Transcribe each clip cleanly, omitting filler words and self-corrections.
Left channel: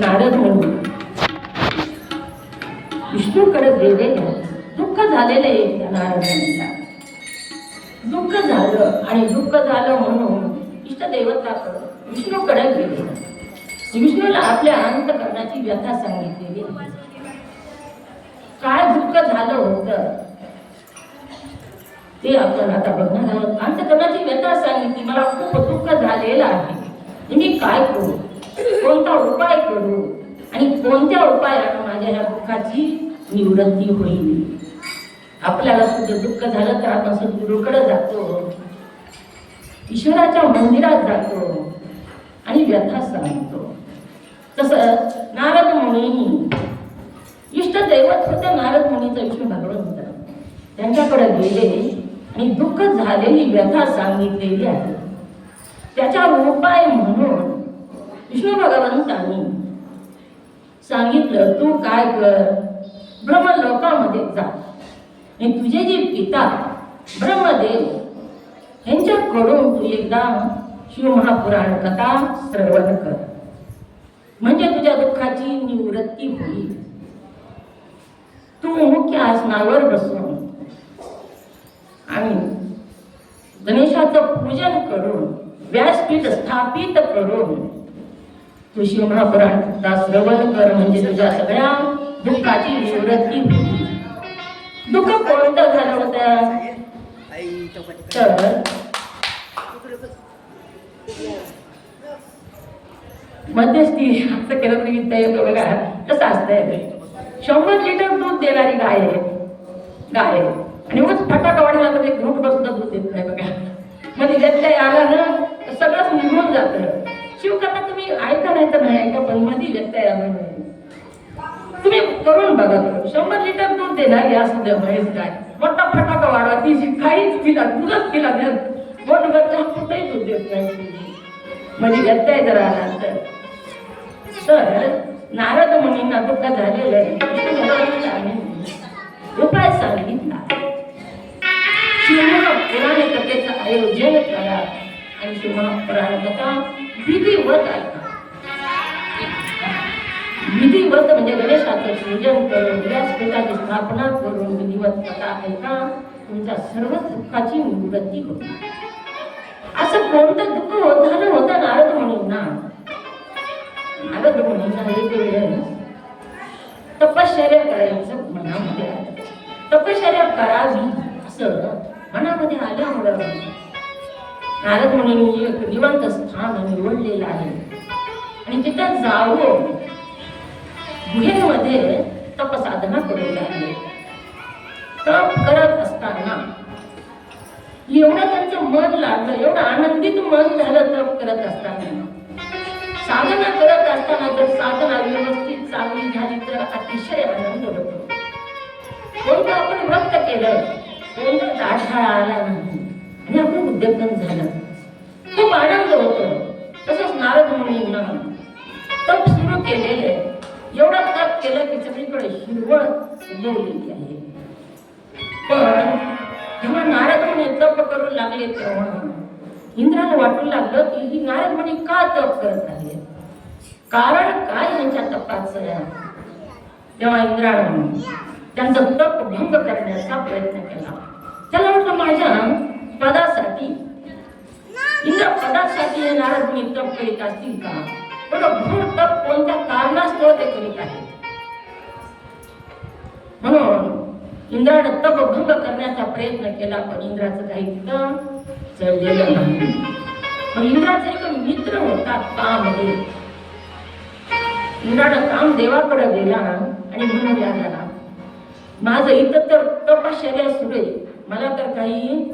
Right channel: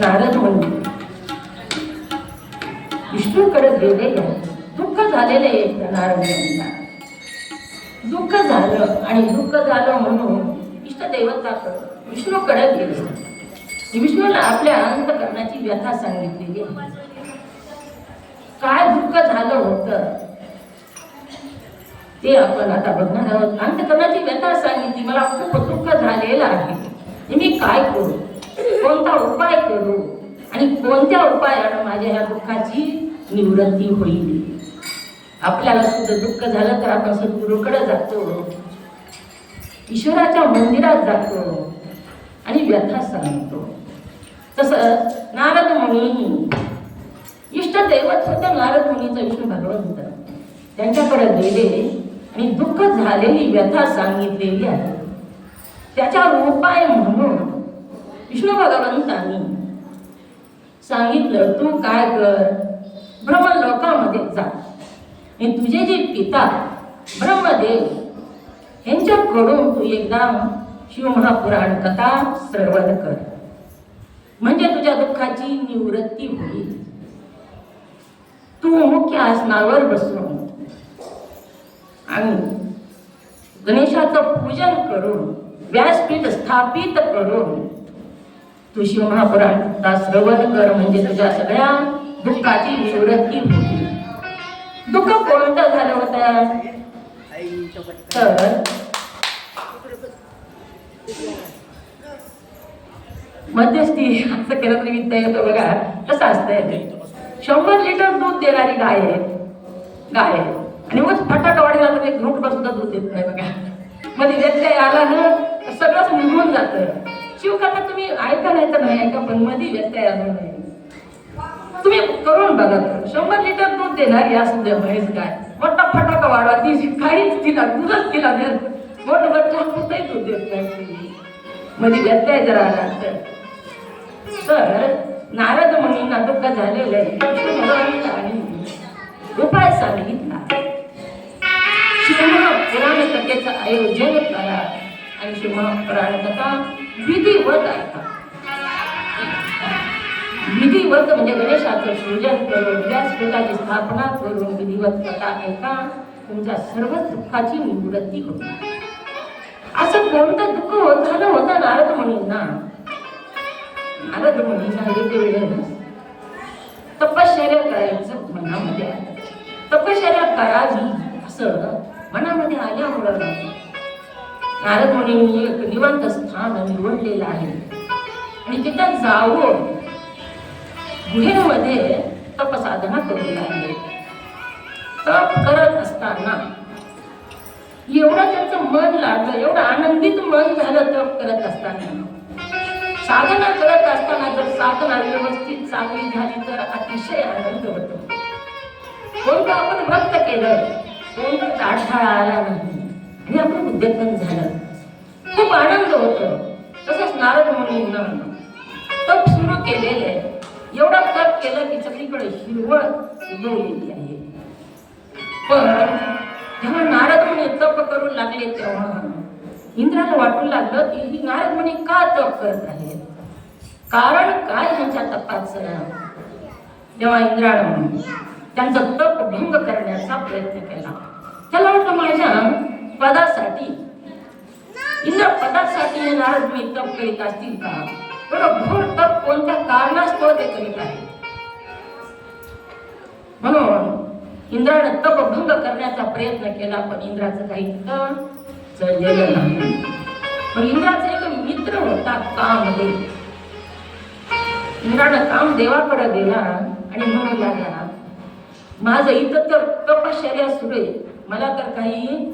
नारद मुनी विष्णूकडे गेलेले, दुःख झालेले एकदा नारद मुनीला. दुःख झालं आणि दुःख झालं म्हणून इष्टदेवताकडे विष्णूकडे गेले. विष्णूला आपल्या अंतकरणाची व्यथा सांगितलेली. काय दुःख झालं होतं ते आपण आता बघणार आहोत. अंतकरणाची व्यथा सांगितली, मला खूप दुःख झालेलं आहे, मी काय करू, कोणता उपाय करू आणि कोणत्या उपायाने माझ्या या दुःखाची निवृत्ती होईल. आपल्याला सुद्धा दुःख झालं तर आपण सद्गुरूकडे जातो, ईश्वराच्या मंदिरात जातो आणि व्यथा सांगतो. तसं नारद मुनींनी, इष्टदैवत होतं नारद मुनीचं विष्णू भगवंत, त्यांच्याकडे गेले आणि दुःख झालेली व्यथा सांगितलेली आहे. त्याचा उपाय म्हणून विष्णू भगवंतांनी सांगितलं, तू काय कर, ब्रह्मलोकामध्ये जा आणि तुझे जे पिता ब्रह्मदेव यांच्याकडून तू एकदा शिवमहापुराण कथा श्रवण कर, म्हणजे तुझ्या दुःखाची निवृत्ती होईल. तू मुख्य आसनावर बसून आणि गणेशाचं पूजन करून व्यासपीठ स्थापित करून तू शिवमहापुराण कथा श्रवण कर, म्हणजे तुझ्या सगळ्या दुःखाची निवृत्ती होईल. दुःख कोणतं झालं होतं तर मध्यस्थी असं केलं तरी वित्त येतं बघा. कसं असतंय ते, 100 लिटर दूध देणारी गाय आहे आणि मग फटाका वाढला तर एक घोटभर सुद्धा दूध देत नाही बघा. मध्ये व्यत्यय आला ना सगळंच निघून जातं. शिवकथा तुम्ही ऐका नाही तर नाही ऐका, पण मध्ये व्यत्यय आला नाही. तुम्ही करून बघा, 100 लिटर दूध देणारी असू द्या म्हैस गाय, मोठा फटाका वाढवा, ती काहीच तिला दूधच तिला मोठभर चहापुरतही दूध देत नाही. मध्ये व्यत्यय जर आला तर नारद मुनींना दुःख झालेलं विष्णू भगवंतांनी उपाय सांगितला. शिवमहापुराण कथेचं आयोजन करा आणि शिवमहापुराण कथा विधिवत ऐका. विधिवत म्हणजे गणेशाचं पूजन करून व्यासपीठाची स्थापना करून विधिवत कथा ऐका, तुमच्या सर्व दुःखाची निवृत्ती होईल. असं कोणतं दुःख झालं होतं नारद मुनींना. नारद मुनींना एक वेळ तपश्चर्या करायचं मनामध्ये आलं. तपश्चर्या करावी असं मनामध्ये आल्यामुळं नारद मुनींनी एक निवांत स्थान निवडलेलं आहे आणि तिथं जाऊन गुहेमध्ये तपसाधना करू लागले. तप करत असताना एवढं त्यांचं मन लागलं, एवढं आनंदित मन झालं तप करत असताना. साधना करत असताना जर साधना व्यवस्थित चांगली झाली तर अतिशय आनंद होतो. कोणतं आपण व्रत केलं, कोणतं काढाळा आला नाही आणि आपण उद्योगन झालं, खूप आनंद होतो. तसंच नारद मुनींना तप सुरू केलेले, एवढं तप केलं की सगळीकडे हिरवळ उगवलेली आहे. पण जेव्हा नारद मुनी तप करू लागले तेव्हा इंद्राला वाटू लागलं की ही नारद मुनी का तप करत आहे, कारण काय यांच्या तपाचं. जेव्हा इंद्राने त्यांचं तप भंग करण्याचा प्रयत्न केला, त्याला वाटलं माझ्या पदासाठी, इंद्र पदासाठी हे नारद मुनी तप करीत असतील का, बरं घोर तप कोणत्या कारणास्तव ते करीत आहे. म्हणून इंद्राने तप भंग करण्याचा प्रयत्न केला, पण इंद्राचं काही चाललेलं नाही. पण इंद्राचा एक मित्र होता कामदेव. इंद्रानं कामदेवाकडे गेला आणि म्हणू लागला, माझं इथं तर तपश्चर्या सुरू आहे, मला तर काही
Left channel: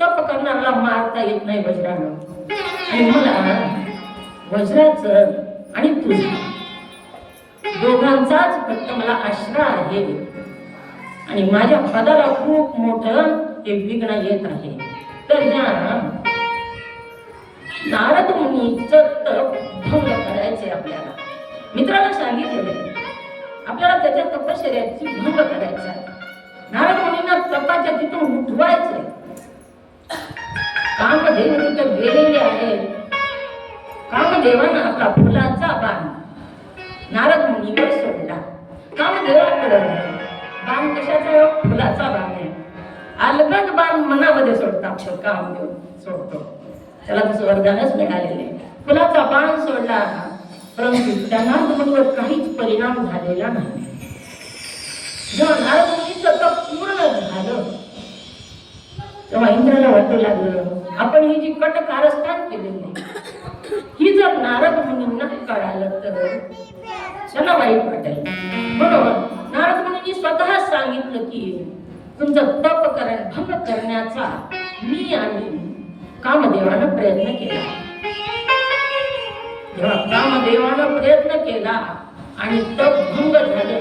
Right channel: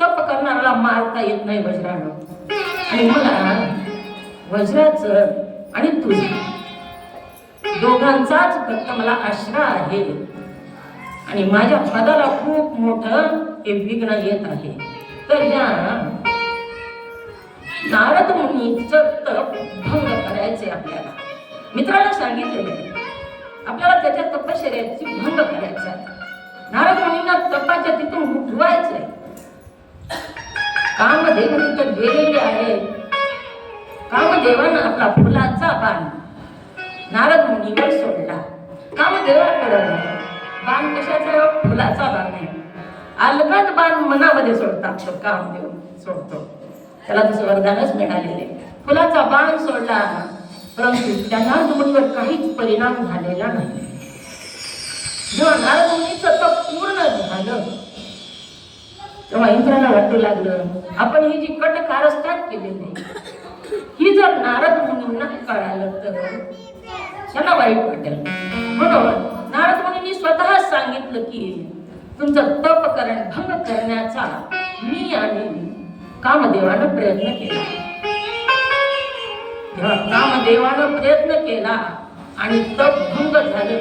तप करणाऱ्याला मारता येत नाही वज्रानं, आणि मला वज्राचं आणि तुझं दोघांचाच फक्त मला आश्रय आहे आणि माझ्या पदाला खूप मोठं हे विघ्न येत आहे. तर ह्या नारद मुनीचं तप भंग करायचे आपल्याला. मित्राला सांगितलेलं आपल्याला त्याच्या तपश्चर्याची भंग करायचा आहे. नारद मुनींना तपाच्या तिथून उठवायचंय. कामदेव तिथं गेलेले आहेत. कामदेवानं आपला फुलाचा बाण नारद मुनीवर सोडला. कामदेवाकडे बाण कशाचा? फुलाचा बाण आहे. अलगद बाण मनामध्ये सोडतात कामदेव सोडतो, त्याला तसं वरदानच मिळालेले. फुलाचा बाण सोडला, परंतु त्या नारद मुनीवर काहीच परिणाम झालेला नाही. जेव्हा नारद मुनीचं तप पूर्ण झालं तेव्हा इंद्राला वाटू लागलं, आपण ही जी कट कारस्थान केलेली ही जर नारद मुनींना कळालं तर त्यांना वाईट वाटेल. म्हणून नारद मुनींनी स्वतः सांगितलं की तुमचं तप भंग करण्याचा मी आणि कामदेवानं प्रयत्न केला. जेव्हा कामदेवानं प्रयत्न केला आणि तप भंग झालं,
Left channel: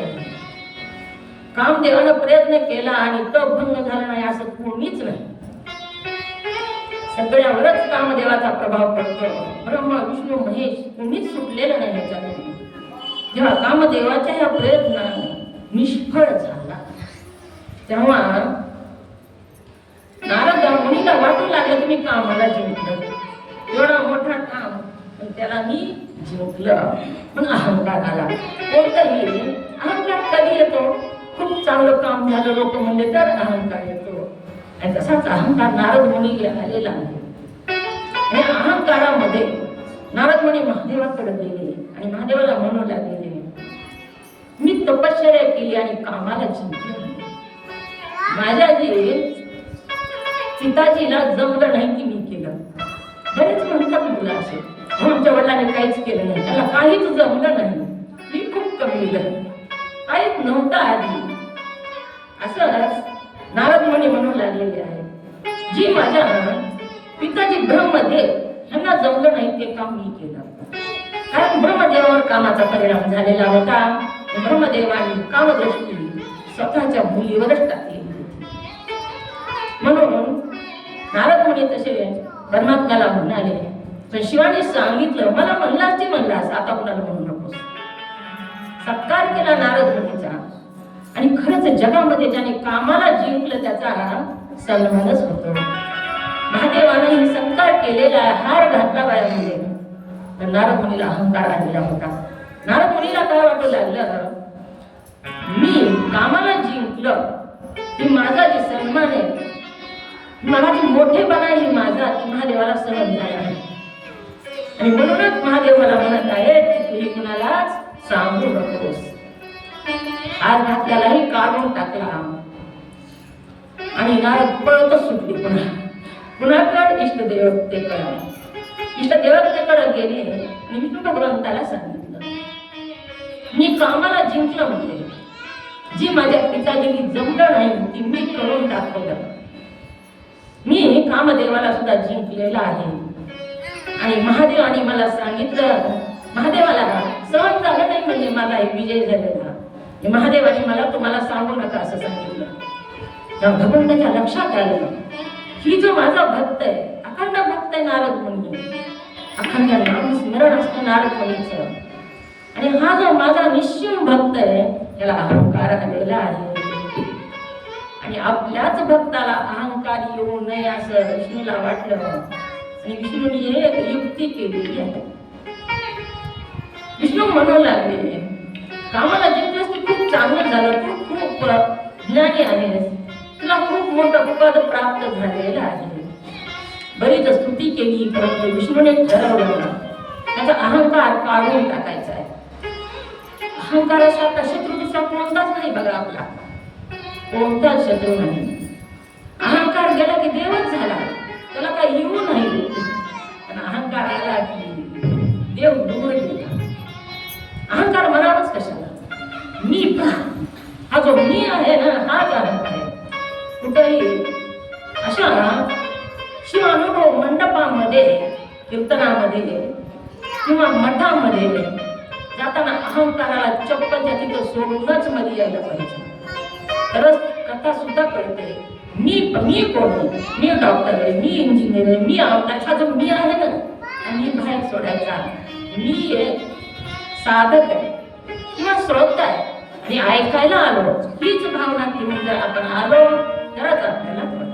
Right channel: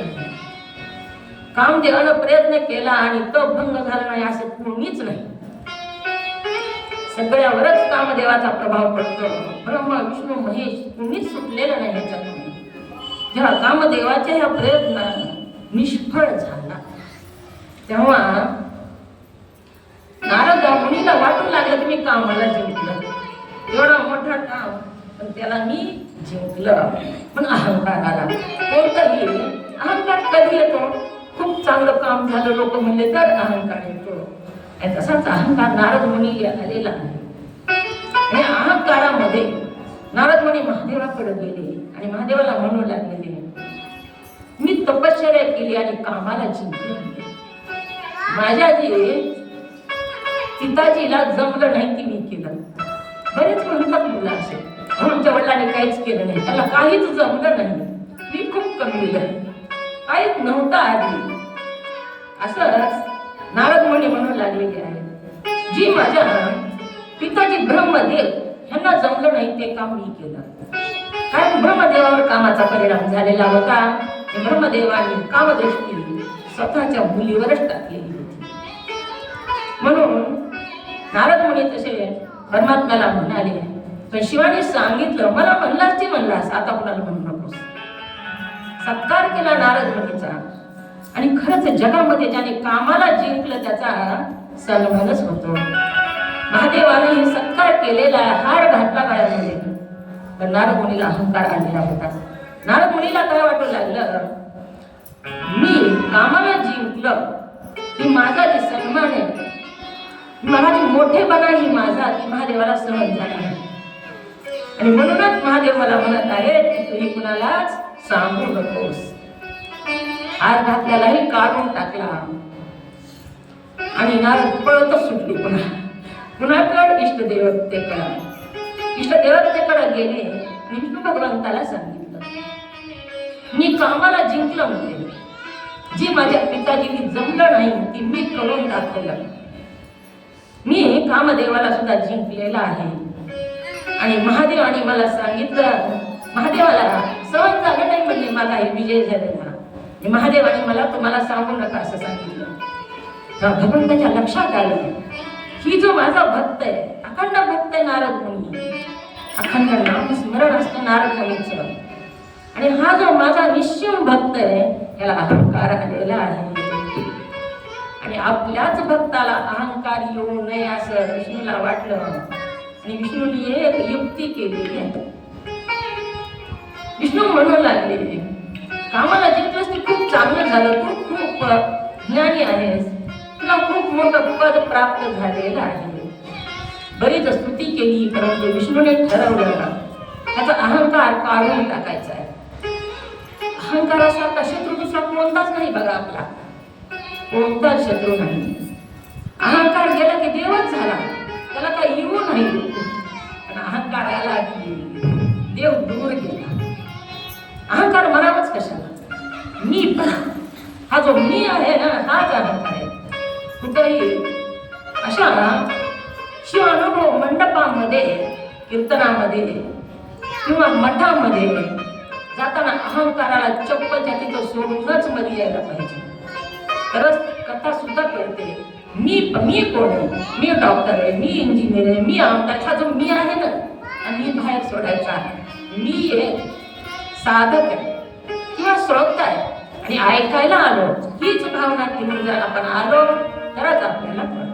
कामदेवानं प्रयत्न केला आणि तप भंग झाला नाही असं कोणीच नाही. सगळ्यावरच कामदेवाचा प्रभाव पडतो. ब्रह्मा विष्णू महेश कोणीच सुटलेलं नाही ह्याच्यातून. जेव्हा कामदेवाच्या या प्रयत्नानं निष्फळ झाला तेव्हा नारद मुनीला वाटू लागलं की मी कामाला जिंकलं, एवढा मोठा काम पण त्याला मी जिंकलं. पण अहंकार आला. कोणताही अहंकार कधी येतो? खूप चांगलं काम झालं लोक म्हणले तर अहंकार येतो, आणि तसाच अहंकार नारद मुनीला आलेला आहे. आणि अहंकारामध्ये नारद मुनी महादेवाकडे गेले आणि महादेवाला म्हणू लागले, मी तपश्चर्या केली आणि कामाला जिंकले. माझ्या जी पिताजीला जमलं नाही ती मी केलं. बरेच म्हणतात मुलं असे, आमच्या वडिलांनी काहीच केलं नाही, त्याला काहीच जमलं नाही, मी खूप कमविलं, काहीच नव्हतं आधी. असंच नारद मुनी म्हणू लागलेले आहे, जी माझ्या पिताजी ब्रह्मदेव यांना जमलं नाही ते काम मी केलं. कारण ब्रह्मदेवावर कामाचा परिणाम झालेला होता. ब्रह्मदेवाने कामदृष्टी स्वतःच्या मुलीवरच टाकलेली होती. म्हणून नारद मुनी तसे परमात्म्याला म्हणाले, पण शिवाने सांगितलं, मला म्हणलास ती म्हणलास, आता कुणाला म्हणू नकोस. सत्कार केला नारद मुनीचा, आणि खरंच जगामध्ये ज्याने कामाला जिंकलं त्याचा सन्मानच होतो. महादेवाने ही सत्कार केलेला हार घातला गळ्यामध्ये, पण नारद मुनीला अहंकार आलेला होता. नारद मुनीला काय वाटू लागलं, मी कामाला जिंकलं ही माझा जी सन्मान आहे, माझी मोठेपणा ही माझा, ती महादेवाला सहन झाला नाही. आणि म्हणूनच महादेव मला म्हणत आहे की तू ही कुणालाच सांगू नकोस. हार घातल्यालाही काढून टाकला आणि नारद पळतच सुटली. कुणाकडे? इष्टदेवतेकडे. इष्टदेवतेकडे गेले आणि विष्णू भगवंताला सांगितलं, मी कामाला जिंकलं म्हणजे जी माझ्या पिताजीनी जमलं नाही ती मी करून दाखवलं. मी कामदेवाला सुद्धा जिंकलेला आहे. आणि महादेवाने मला सांगितलं, महादेवाला सहन झालं नाही म्हणजे माझा हे विजय झालेला. महादेवाने मला तुम्हाला सांगू नका असं सांगितलं. भगवंताच्या लक्षात आलं, ही जो माझा भक्त आहे, अखंड भक्त आहे नारद मुनी, अखंड नाम स्मरण असतं नारद मुनीचं, आणि हा जो माझा निश्चिम भक्त आहे याला अहंकार आलेला आहे. आणि आपल्याच भक्ताला अहंकार येऊ नये असं विष्णूला वाटलं, आणि विष्णूने एक युक्ती केली आहे. विष्णू म्हणू लागले, कामाला जिंकलंस ते खूप चांगलं झालं, तू खूप ज्ञानी आहेस, तुला खूप मोठं पद प्राप्त झालेलं आहे. बरीच स्तुती केली, परंतु विष्णूने ठरवलं त्याचा अहंकार काढून टाकायचा आहे. अहंकारासारखा शत्रू दुसरा कोणताच नाही बघा, आपला कोणताच शत्रू नाही. अहंकार गेला की देवच झाला, त्याला काही येऊ नाही. पण अहंकार आला की देव दूर गेला. अहंकार मनावच कशाला? मी हा जो मी आहे ना, हाच अहंकार आहे. कुठेही अशा शिवानुभव मंडपामध्ये, कीर्तनामध्ये किंवा मठामध्ये जाताना अहंकाराला चप्पलच्या तिथं सोडूनच मध्ये यायला पाहिजे, तरच कथा सुद्धा कळते. मी कोण आहे? मी डॉक्टर आहे, मी इंजिनियर आहे, मी हा जो मी आहे ना, मी बाहेर सोडायचा. मी एक साधक आहे किंवा श्रोता आहे आणि ऐकायला आलो, हीच भावना घेऊन जर आपण आलो तरच आपल्याला कळतं.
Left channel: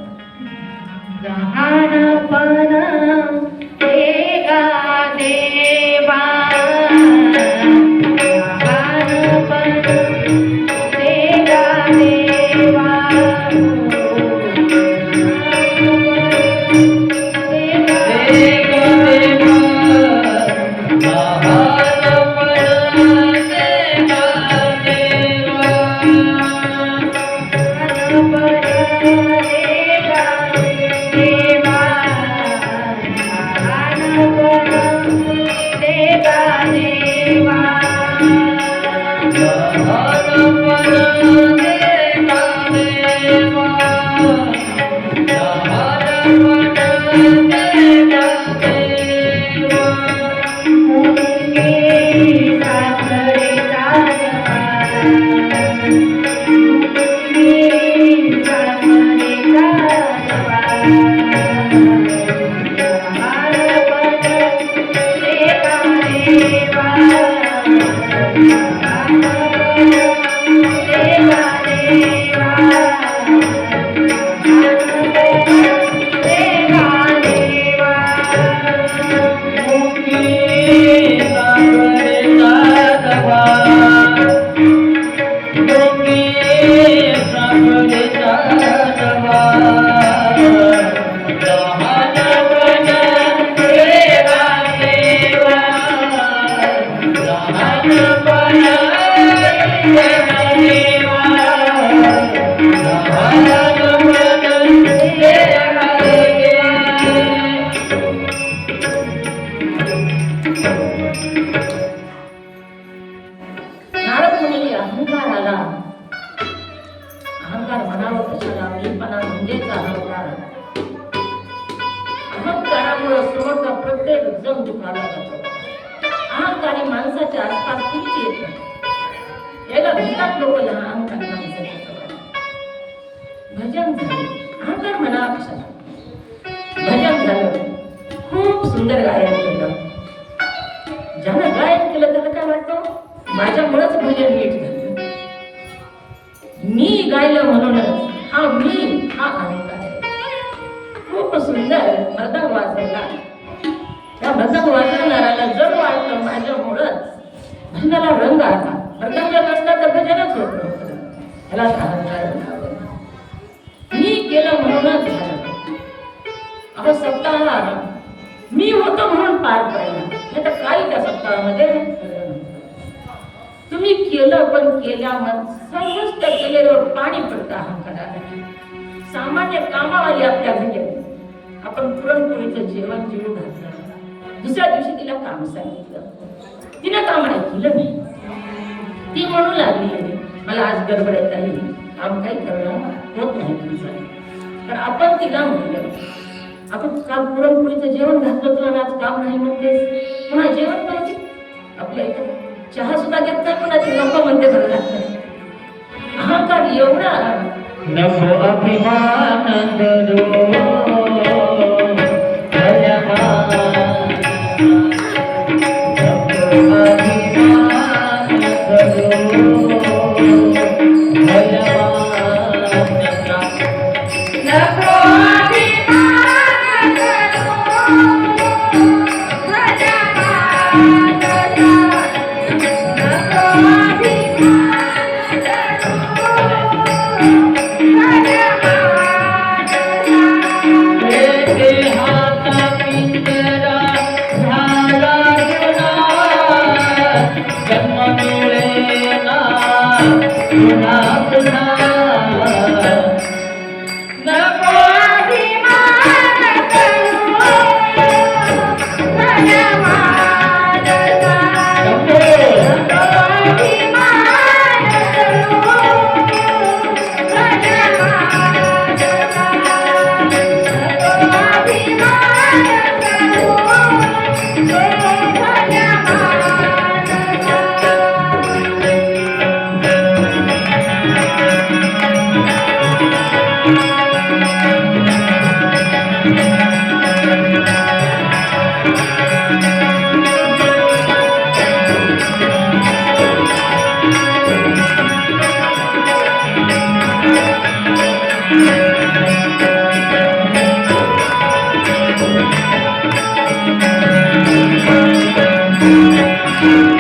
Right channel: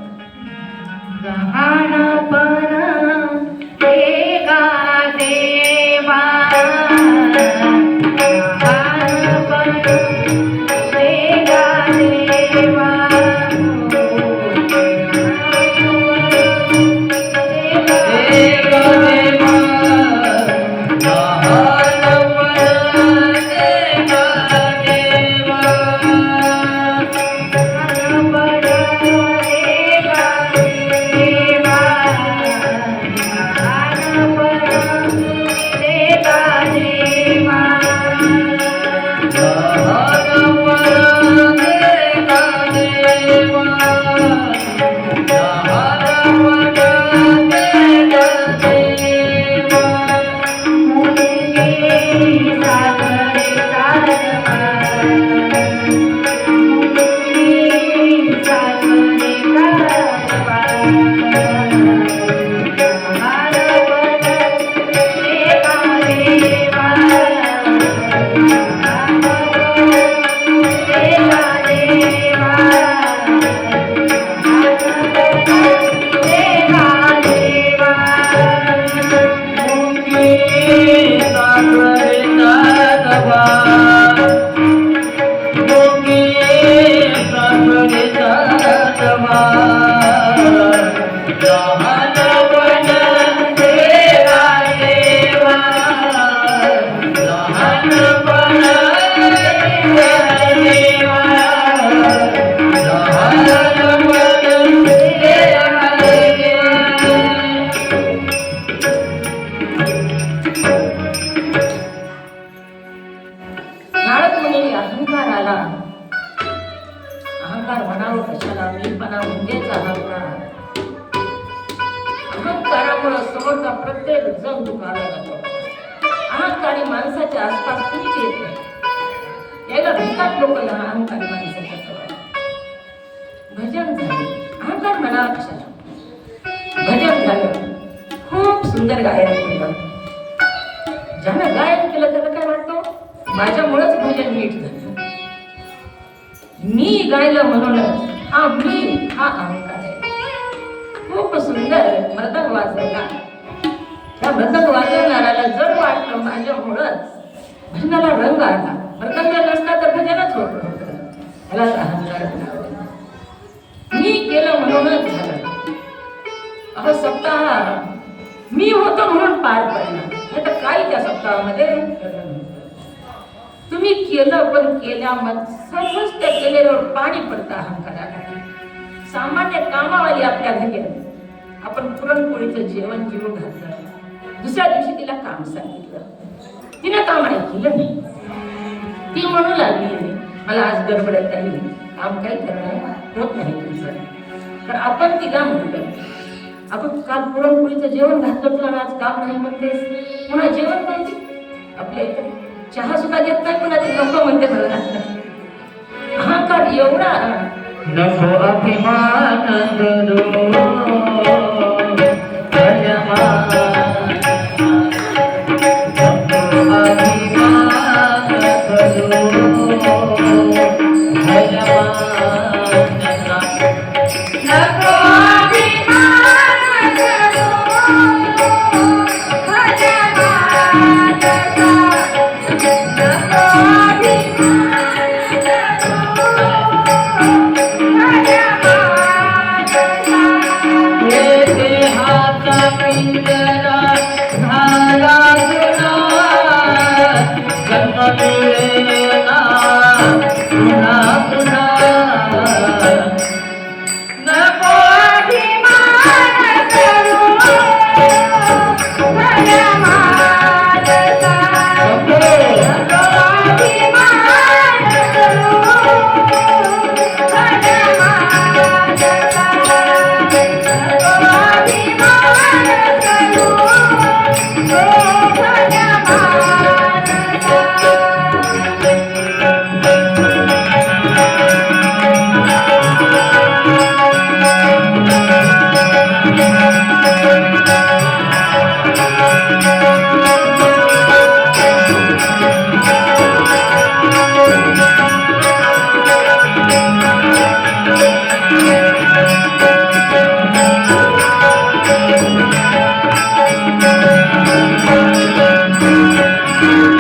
नारद मुनी अहंकार आला, अहंकार म्हणावं कशाला, मीपणा म्हणजेच अहंकार. अहंकारामुळे समोरचा प्रत्येक जण दुखावला जातो. अहंकारी माणसाच्या आसपास कुणीच येत नाही. याला भेटतात लोक या अहंकारी माणसाच्या जवळ. भजन झाले, अहंकार म्हणावा कशाला. भजन झालं, खूप सुंदर गायन केलं. ज्यानं गायन केलं त्याला काय वाटतं, माझ्यामुळेच भजन नीट झालं. मी गायलं म्हणूनच, हा मी हा अहंकार आहे. खूप सुंदर मृदंग वाजवला. त्या मृदंग वाजवणाऱ्याला जड वाटलं माझ्यामुळंच भजनाला रंग आला. मृदंग नसता तर भजनच होत नव्हतं. त्याला अहंकार म्हणावं. मी केलं म्हणूनच झालं. अहो सप्ताह मी होतो म्हणून पार पडला. नाही तर काही त्या सप्ताहामध्ये तुम्ही केलं, पण केल्यावर सर्वच केलेल्यावर पाणी पडतं अहंकाराला. सामान्य कामावाली आपल्या घरी आपण पुरणपोळीचं जेवण जेवू घातलं, दुसऱ्या दिवशी तिला काम सांगितलं, तिनं काम नाही केलं नाही. ती म्हणू लागली मला आज गडबडत आहे, काम काही करणं होत नाही तुझं. तर आपण तिला म्हणलं आपण काल पुरणपोळीचं जेवण घातलं तुला, आज काम नाही म्हणतेस, पुन्हा जेवण पाहिजे. आपल्या इथं चहा सुद्धा घेत नाही, पुन्हा ती नको म्हणते. अहंकार एवढा नको अभिमान Thank you.